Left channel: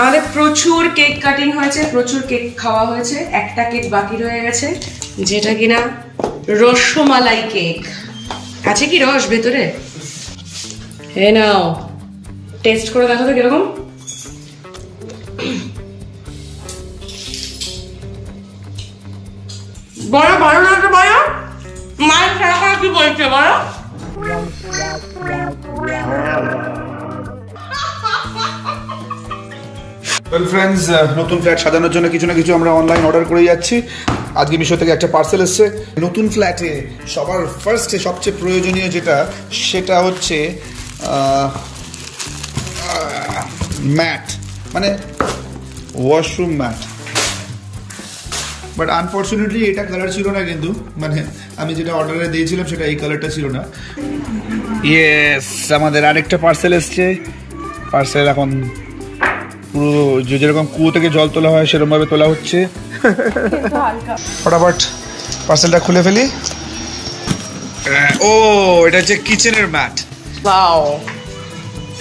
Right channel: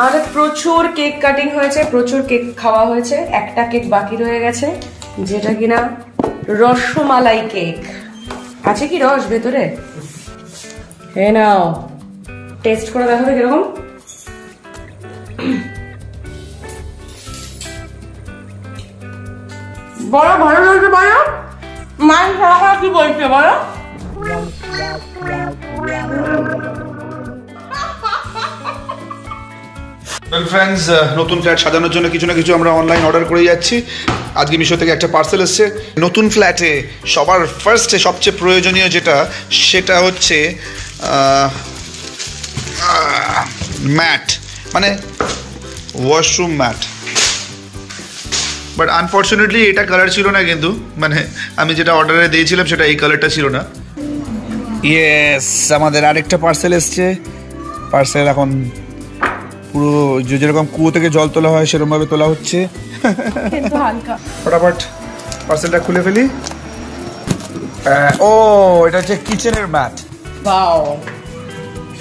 আমাদের প্রচুর cake cutting হয়েছে, প্রচুর কেক খাওয়া হয়েছে, একটা কেক বাকি রয়ে গেছে যেটা কিনা রসমালাই কেক। আছে কি রস ভেতরে? হে নাও, টেস্ট করে দেখো তো কিরকম। বড় ভালো লাগছে, বড় মান সারা কি বলছে বড়? ওয়েল ফ্রেন্ডস, নতুন ফ্ল্যাট সাজানোর জন্য কিছু না কিছু আমরা অনলাইন অর্ডার করে যাচ্ছি। আজকে মিশো থেকে একটা পার্সেল এসছে। নতুন ফ্ল্যাটে সবার ফার্স্টে সবচেয়ে প্রয়োজনীয় যেটা, সেটা হচ্ছে ম্যাট, মানে ওয়াশরুম ম্যাট। বাট আনফর্চুনেটলি এটা কালার ছিল না, কিন্তু মানে আমি যেটা অর্ডারে দিয়েছিলাম সেটা এই কালারটা ছিল না। ইয়েস, আমাদের আরেকটা পার্সেল এসছে। পার্সেল এখন পুরো যেরকম কুয়ো থেকে জল তোলা হয় সেরকমভাবে তোলা হচ্ছে। ফটাফট পার্সেলটা খুলে ফেলি। ও, এটা হচ্ছে কিচেনের ম্যাট। ওয়াও,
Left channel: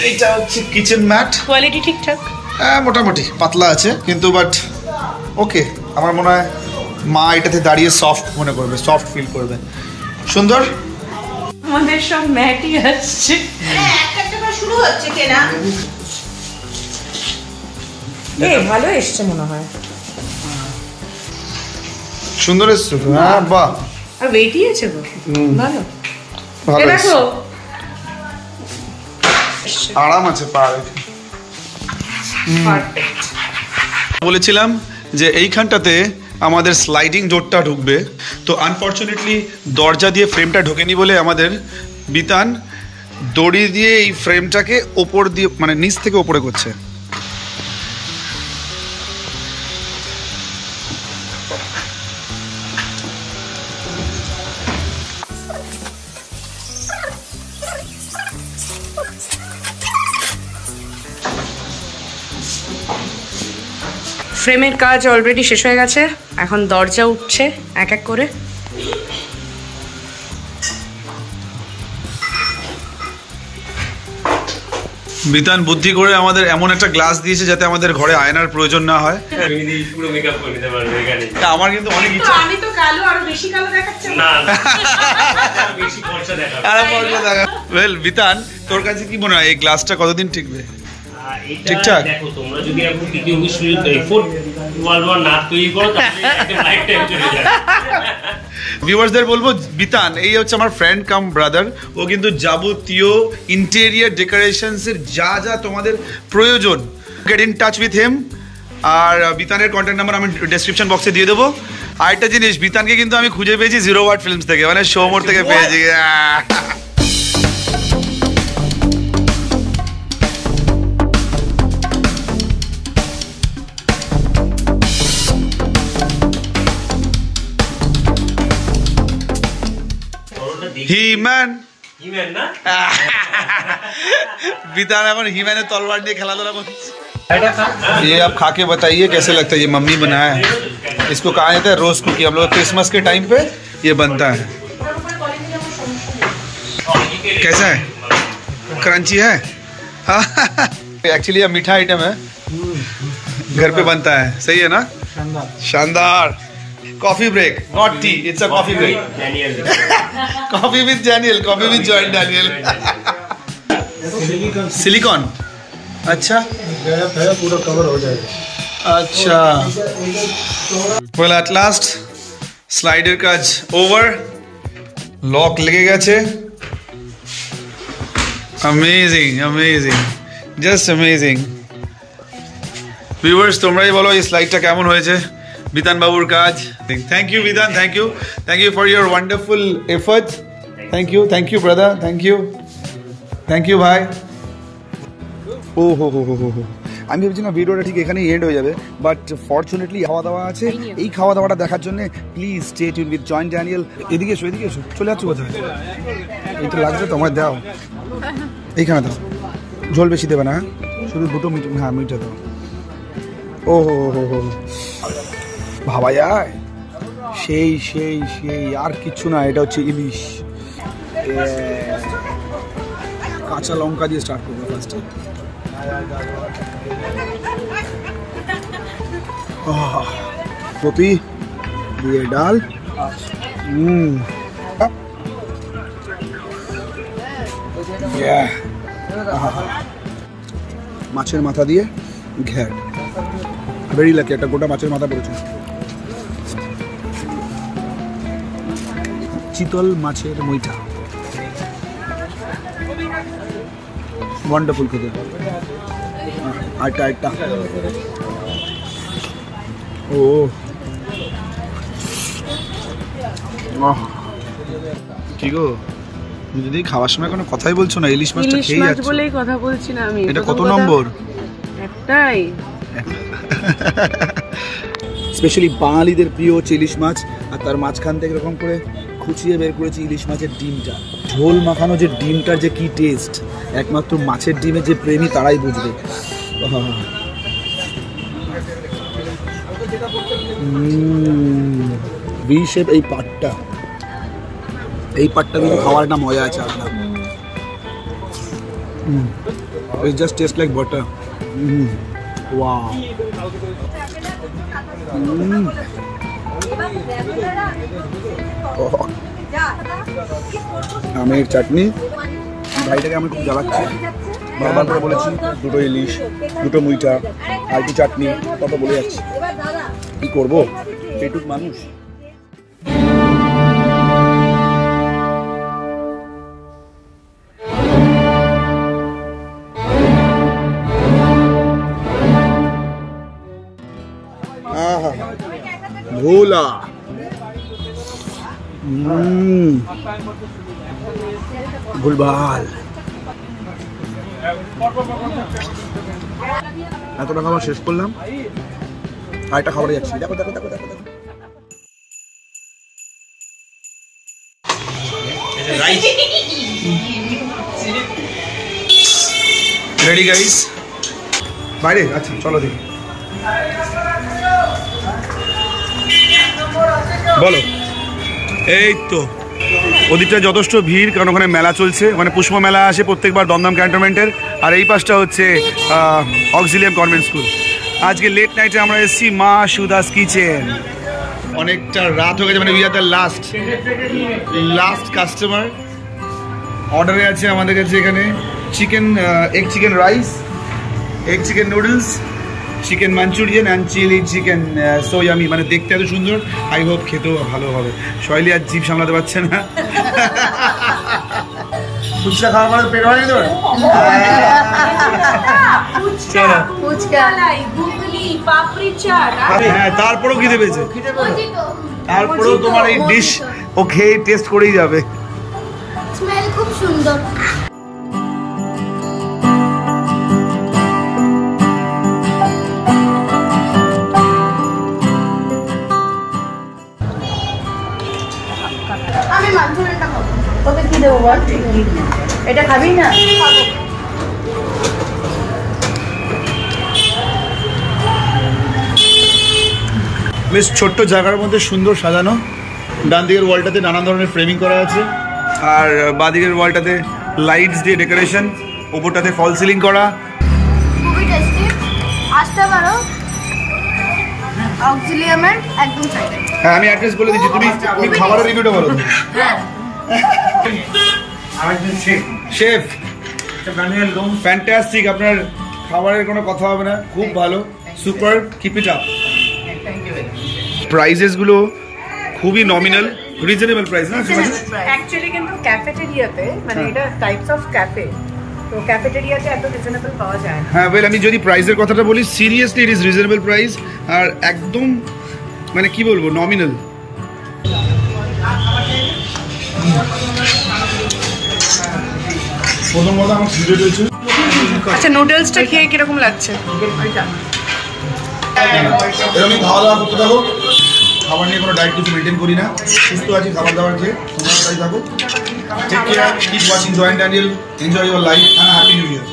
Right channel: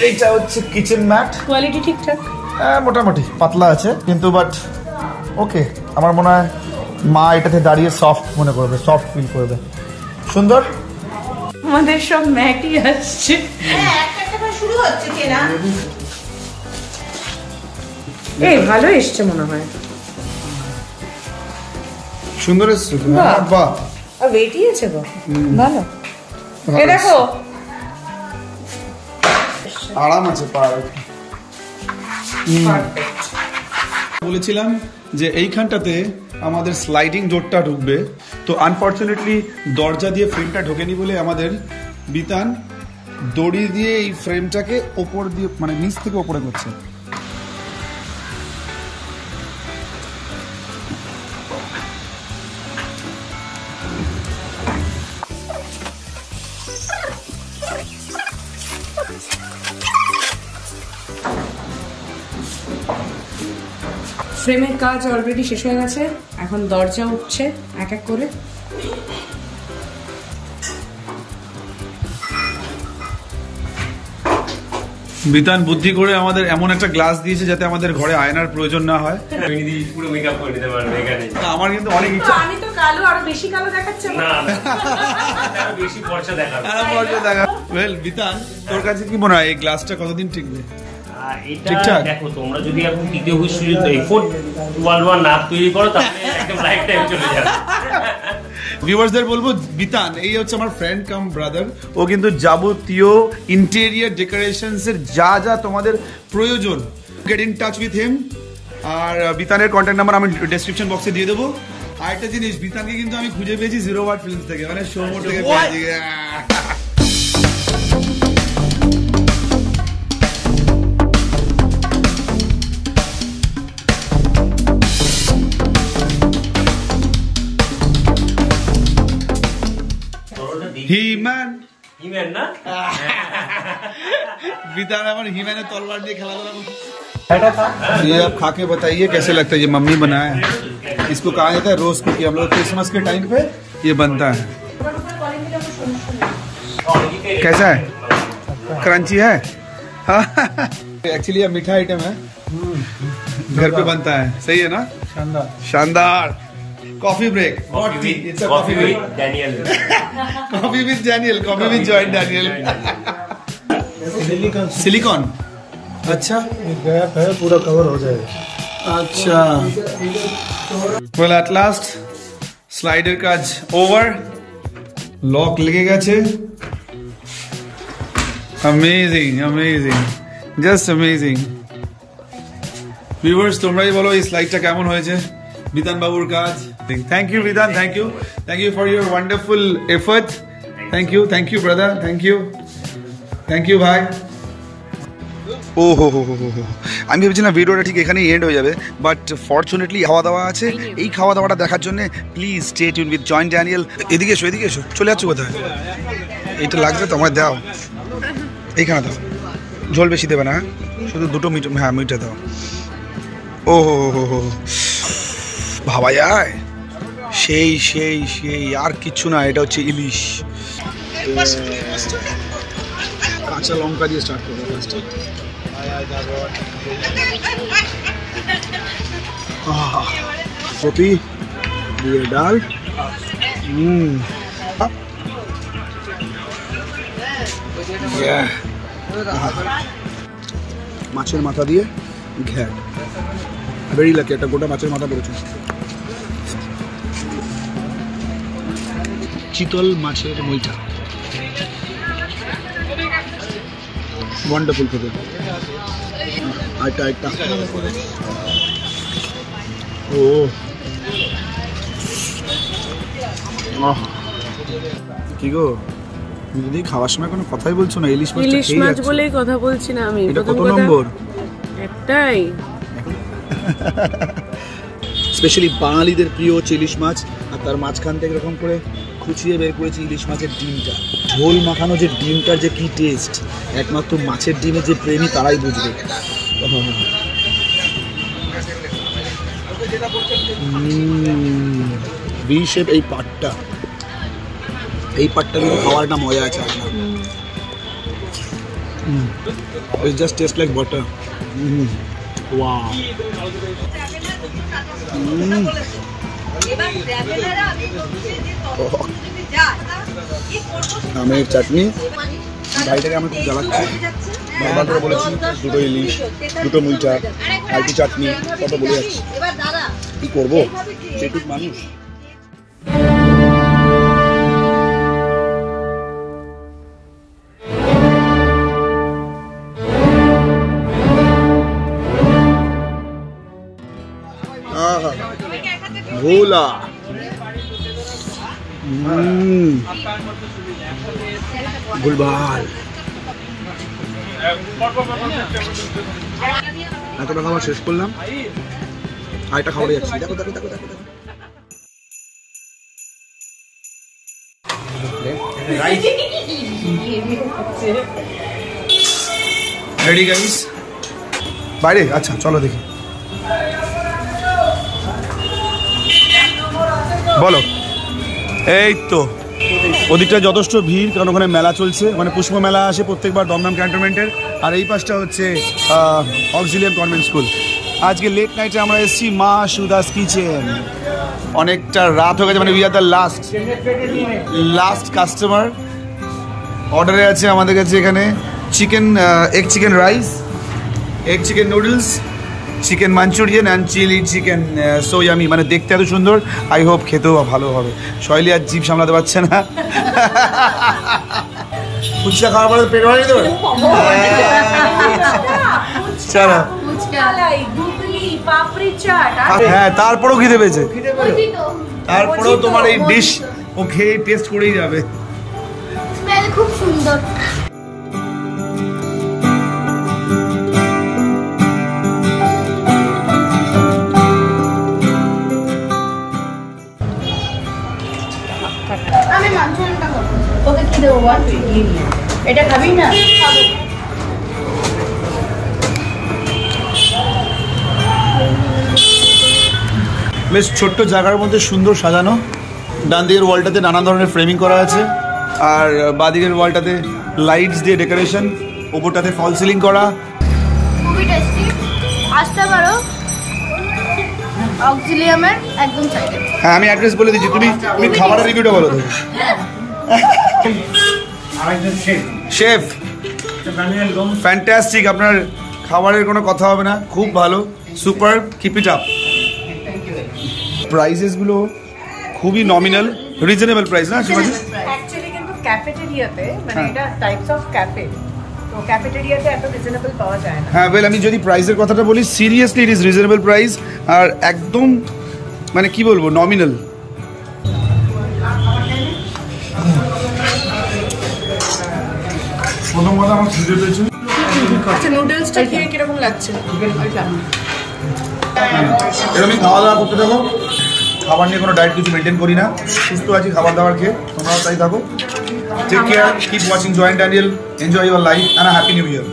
এইটা হচ্ছে কিচেন ম্যাট। কোয়ালিটি ঠিকঠাক? মোটামুটি পাতলা আছে, কিন্তু বাট ওকে। আমার মনে হয় মা এটাতে দাঁড়িয়ে সফট মনে করবে, সফট ফিল করবে। সুন্দর। আমাদের সব ম্যাটই আসছে, একটা একটা করে শুরু হচ্ছে কেনা। এই ভালো এসছে মনে হয়। সুন্দর এসছে। হ্যাঁ, বাহ, আর ওয়েটই আছে গো, ভালো ভালো দেখো। আরাম আছে পা রেখে। পারফেক্ট। বলেছিলাম যে এইখানটাতে আমাদের স্লাইডিং ডোরটা ঢুকবে, তো আনফর্চুনেটলি দরজা দিয়ে ফ্রেমটা ঢোকেনি বলে আমাদের বিতান দড়ি দিয়ে এই ফ্রেমটাকে ওপর দিয়ে, মানে নিচ থেকে ওপরে করছে। ফ্রেমের কাজ অলরেডি শেষ হয়ে গেছে, এখন দরজা উঠছে এক এক করে। বিতান বুদ্ধি করে আমাদের এমন একটা গ্লাস দিয়েছে যাতে আমাদের ঘরে আয়নার প্রয়োজন না হয়। আমার কিন্তু অনেক ইচ্ছা। আমি তো কালো, আরো বেশি কালো দেখাচ্ছে না, বেশি পয়সা দেখাবে। ওয়েল বিতান, তোর কাছে কি মনে হয় এই গ্লাসটা কতদিন টিকবে? ঠিকঠাক দেখো, তোমরা যদি এখন টিকে এফোর্ট ওয়ার্ল্ড ওয়ার না তৈরি করো তাহলে একদম লাইফ টাইম চলে যাবে। ভিউয়ার্সদের বলবো, বিতান এই হচ্ছে আমার ফ্রেন্ড কাম ব্রাদার। ও কিন্তু যাবতীয় ইন্টেরিয়ার ডেকোরেশনস এর যা যা তোমাদের প্রয়োজন, get in touch with him. আর বিতানের কন্ট্যাক্ট নাম্বার আমি ডেসক্রিপশন বক্সে দিয়ে দেবো। আরেকটা জিনিস, বিতানকে কিন্তু আমি খুঁজে পেয়েছি জিরো ওয়াট ফিল্মস থেকে, মানে শোমোর থেকে পেয়েছি। হিম্যান না, बितान এখন হিম্যানের তলোয়ার নিয়ে খেলাধুলা করছে। ये आप खा के बताइए कैसे लगता है? ये मम्मी बनाया है, इसको कहा जाता है रोस्ट कुकी। हम लोग क्रिसमस के टाइम पे ये बनता है। कैसा है? क्रंची है? एक्चुअली ये मीठा आइटम है, घर पे बनता है। सही है ना? शानदार। Coffee break, not tea, it's a coffee break. Coffee with Daniel, coffee with Joy Daniel. Silicone, अच्छा गैप है, पूरा कवर हो जाएगा। अच्छा, वेल एट लास्ट स्लाइडर काज ओवर, लॉक लेगे গেছে। Amazing, amazing, just amazing. Viewers, তোমরাই বলো এই স্লাইডটা কেমন হয়েছে বিতান বাবুর কাজ। Thank you Bitan, thank you for your wonderful effort. Thank you brother, thank you ভাই। ও হো হো হো হো, আমি ভেবেছিলাম ভিডিওটা ঠিক এখানেই এন্ড হয়ে যাবে, বাট ফরচুনেটলি খাওয়া দাওয়া আছে। এই খাওয়া দাওয়াটা দেখার জন্য please stay tune with joint Daniel. এদিকে এসো, এদিকে এসো। চলে যাচ্ছ কোথায়? এইটা লাগছে তো, আমার দাও, এইখানে দাও। ঝোল বেশি দেবে না, শুধু দুটো মিট, হ্যাঁ মিটে দাও। ও হো হো হো, ভাবা যায়, সেই সেই সেই, আর কিচ্ছু না। এটা হচ্ছে ইলিশ। কাঁচা লঙ্কা দিয়ে স্টার্ট করবো ফার্স্টে। কপি দিয়ে ডাল, মাছের মাথা দিয়ে ঘ্যার, ভেরি লাকি একটা গোটা মাছের মাথা পড়েছে। চিতল মাছের মুইঠা, ওয়ান্ডারফুল খেতে। আইটা ও কি গো, যদি খাওয়ার সময় কোনো কথাই বলছো না, ইলিশ মাছটা খেয়ে যাচ্ছ বলেই কথা বলছি না আমি। এটা কত নম্বর? একটাই। স্পেশালি বাঙালিদের প্রিয় ইলিশ মাছ, আর তার মাঝখান থেকে এরকম করে খুঁচিয়ে বের করেছি ইলিশ মাছের ডিমটা। ঝোল মাখানো যে ডিমটার যে কি টেস্ট, একমাত্র মাছের ডিমের যে প্রেমী তারাই বুঝবে। ভি শেপ এই পাটটা কিন্তু খাওয়ার একটা মজা আছে আপনার। It just tastes like butter. Wow. আমের চাটনি, ভাইটাকে আমি খুব জ্বালাচ্ছি, বারবার করে বলেছি দুটো ইলিশ, দুটো মুইঠা, আর একটু চাটনি, কত বলে যাচ্ছি, কি করবো সেটুক মানুষ। ভোলা গুলবাল, এতটা খাবার শেষ করলাম, আরেকটা খাবারে যাচ্ছি। দেখো দেখো দেখো দেখো দেখো, রেডি গাইস, বাইরে। আচ্ছা চলো দেখি, বলো। এই তো ওদিকটা যথেষ্ট ভিড়, কারণ ওখানে মেলা চলছে, ওখানে পুষ্প মেলা আসে প্রত্যেকবার দমদম ক্যান্টনমেন্টের। আর এই পাশটা হচ্ছে অক্সিলিয়াম কনভেন্ট স্কুল। আজকে লেট নাইটে আমরা এসেছি মা সুদাস কিচেন। অনেকটা রাত হয়ে গেছে, মানে we are the last customer. অর্ডারে আছে আমাদের কাছে এখানে chicken, egg chicken rice, egg chicken noodles, chicken Manchurian and chilli chicken so yummy. মানে দেখতে এত সুন্দর, আই হোপ খেতেও ভালো হবে। শৈলী আর জিভ সামলাতে পারছে না। ফুচকা খাওয়ার পরে পেট ভরেনি তোর? চলো, হ্যাঁ তারপরেও খিদে পেয়েছে, তারপরেও তোমার এই ডিশ ও খেয়ে টেস্ট করেই যাবে। স্মেল খুব সুন্দর। আমি মাঞ্চুরিয়ানটা খাবো। তোকে কি দেবো বল? এটা খাবি না? খাবো। বেশ ছোট্ট জায়গার মধ্যে সুন্দর সাজানো। ডান দিকের ওয়ালটাতে নানান ধরনের ফ্রেমিং করা আছে, আর বাঁ দিকের ওয়ালটাতে লাইটস দিয়ে ডেকোরেশন, ওপরটাতে ফল সিলিং করা। খুবই টেস্টি, আসতে পারো অক্সিলিয়ামের একদম সাইডে। হ্যাঁ আমি অ্যাড্রেস বলে দিচ্ছি, তুমি খাবারের রিভিউটা বলো। শেফ ফ্যান্টাস্টিক, আপনার খাবারের কোনো কথা হবে না, খুব ভালো, super, keep it up. Prices গুলো খুবই নমিনাল, রিজনেবল প্রাইস না শিবাজি? অ্যাকচুয়ালি কিন্তু ক্যাফেটেরিয়াতে, মানে এটা টাইপস অফ ক্যাফে, তো ক্যাফেটেরিয়াতে এত রিজনেবল পাওয়া যায় না। হ্যাঁ ওয়েল, আমি যদি প্রাইসের কথাটা বলি, seriously it is reasonable price, আর একদম মানে কি বলবো, নমিনাল। প্রথম কথা আমার খিদে পেয়েছে। আচ্ছা নুডলসটা খেয়ে কিরকম লাগছে? এরকমই খাওয়া দাওয়া করতে থাকো, খাবার নিয়ে কোনো ডায়েট কিছু মেনটেন করি না, সুস্থ আছি খাবার দাবার খেয়ে, তোমরাও তাই থাকো। Take care, keep watching joint Daniel, enjoy your life and happy New year.